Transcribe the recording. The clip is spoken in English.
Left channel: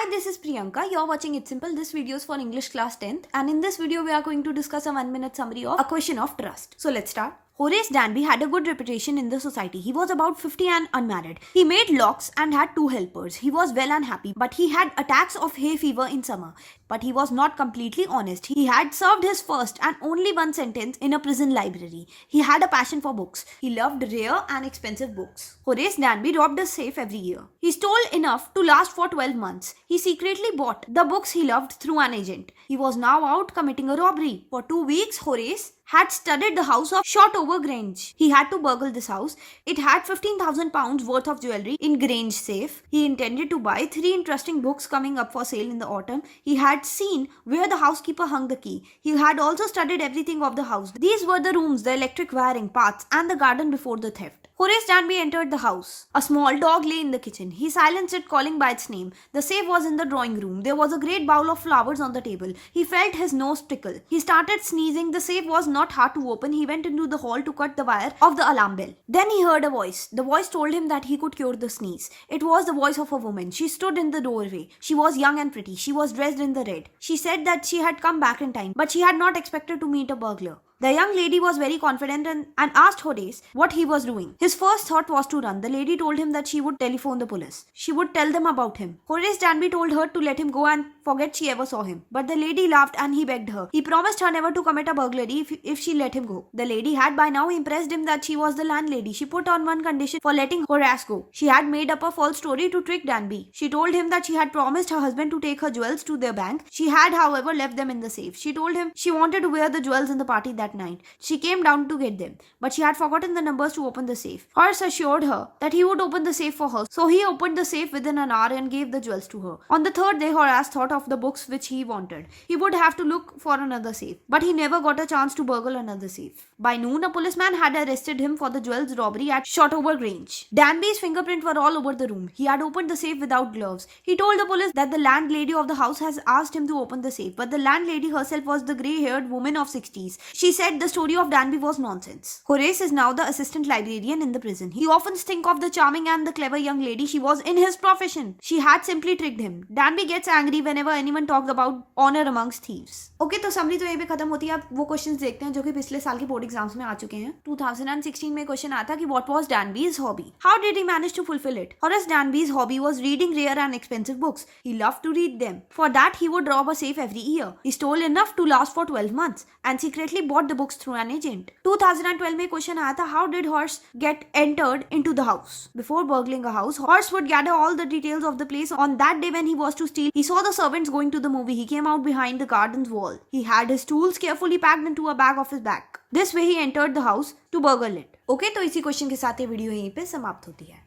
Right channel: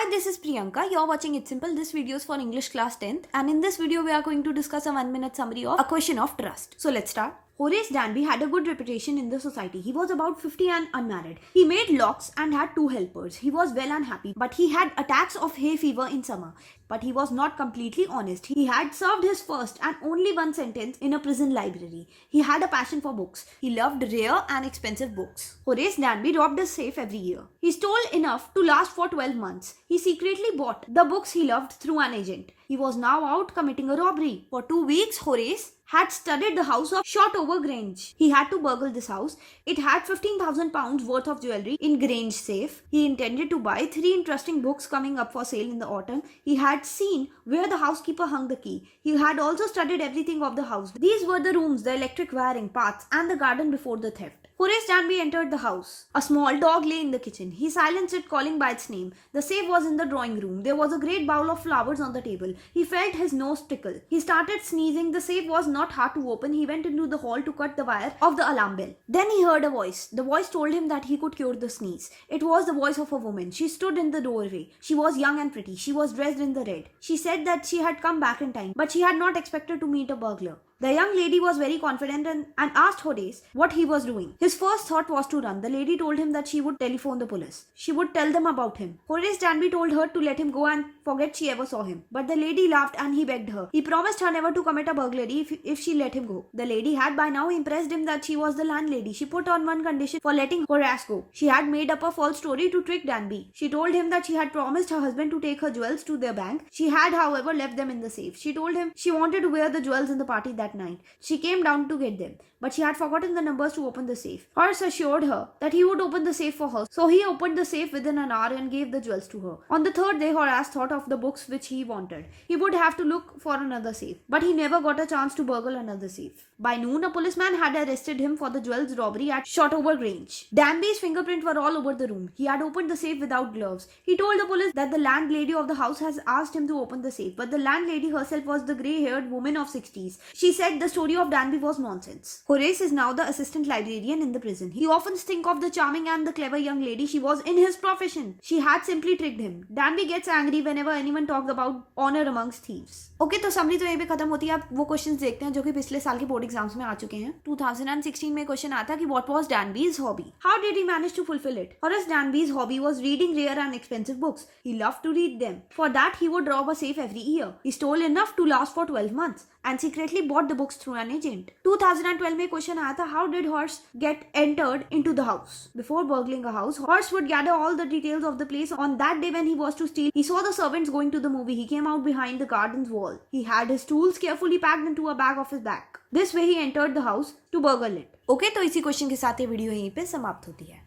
Hi, this is Priyanka. You're watching It's Simple. This video is for English class 10th, and in this video we are going to discuss a 1-minute summary of A Question of Trust. So let's start. Horace Danby had a good reputation in the society. He was about 50 and unmarried. He made locks and had 2 helpers. He was well and happy, but he had attacks of hay fever in summer. But he was not completely honest. He had served his first and only one sentence in a prison library. He had a passion for books. He loved rare and expensive books. Horace Danby robbed a safe every year. He stole enough to last for 12 months. He secretly bought the books he loved through an agent. He was now out committing a robbery. For 2 weeks, Horace had studied the house of Shotover Grange. He had to burgle this house. It had £15,000 worth of jewelry in Grange safe. He intended to buy 3 interesting books coming up for sale in the autumn. He had seen where the housekeeper hung the key. He had also studied everything of the house. These were the rooms, the electric wiring, paths, and the garden before the theft. Horace Danby entered the house. A small dog lay in the kitchen. He silenced it, calling by its name. The safe was in the drawing room. There was a great bowl of flowers on the table. He felt his nose prickle. He started sneezing. The safe was not hard to open. He went into the hall to cut the wire of the alarm bell. Then he heard a voice. The voice told him that he could cure the sneeze. It was the voice of a woman. She stood in the doorway. She was young and pretty. She was dressed in the red. She said that she had come back in time, but she had not expected to meet a burglar. The young lady was very confident and asked Horace what he was doing. His first thought was to run. The lady told him that she would telephone the police. She would tell them about him. Horace Danby told her to let him go and forget she ever saw him. But the lady laughed and he begged her. He promised her never to commit a burglary if she let him go. The lady had by now impressed him that she was the landlady. She put on one condition for letting Horace go. She had made up a false story to trick Danby. She told him that she had promised her husband to take her jewels to their bank. She had, however, left them in the safe. She told him she wanted to wear the jewels in the party that night. She came down to get them, but she had forgotten the numbers to open the safe. Horace assured her that he would open the safe for her, so he opened the safe within an hour and gave the jewels to her. On the third day, Horace thought of the books which he wanted. He would have to look for another safe, but he never got a chance to burgle another safe. By noon, a policeman had arrested him for the jewels robbery at Shotover Grange. Danby's fingerprints were all over the room. He had opened the safe without gloves. He told the police that the landlady of the house has asked him to open the safe, but the landlady herself was the grey-haired woman of 60s. She said the story of Danby was nonsense. Horace is now the assistant librarian in the prison. He often thinks of the charming and the clever young lady she was in his profession. She had simply tricked him. Danby gets angry whenever anyone talks about honor amongst thieves. Okay, तो summary तो यहीं पे खत्म होती है. अब वो questions देखते हैं जो कि पिछले साल के बोर्ड एग्जाम्स में आ चुके हैं. 2016 में क्वेश्चन आता कि what was Danby's hobby? How did he manage to fulfill it? Horace Danby's hobby was reading rare and expensive books. He loved to read them. For that, he would rob a safe every year. He stole enough to last for 12 months and secretly bought the books through an agent. 2012 में question आया था how did Horace get entered into the house? Before burgling a house, Horace would gather all the details of the place. On that day when he was to steal, he saw the servants going to the movie. He came out behind the garden's wall. He had his tools carefully packed into a bag of his back. This way he entered the house to burgle it. Okay, तो इसी question के साथ ये video यहीं पे समाप्त होती है.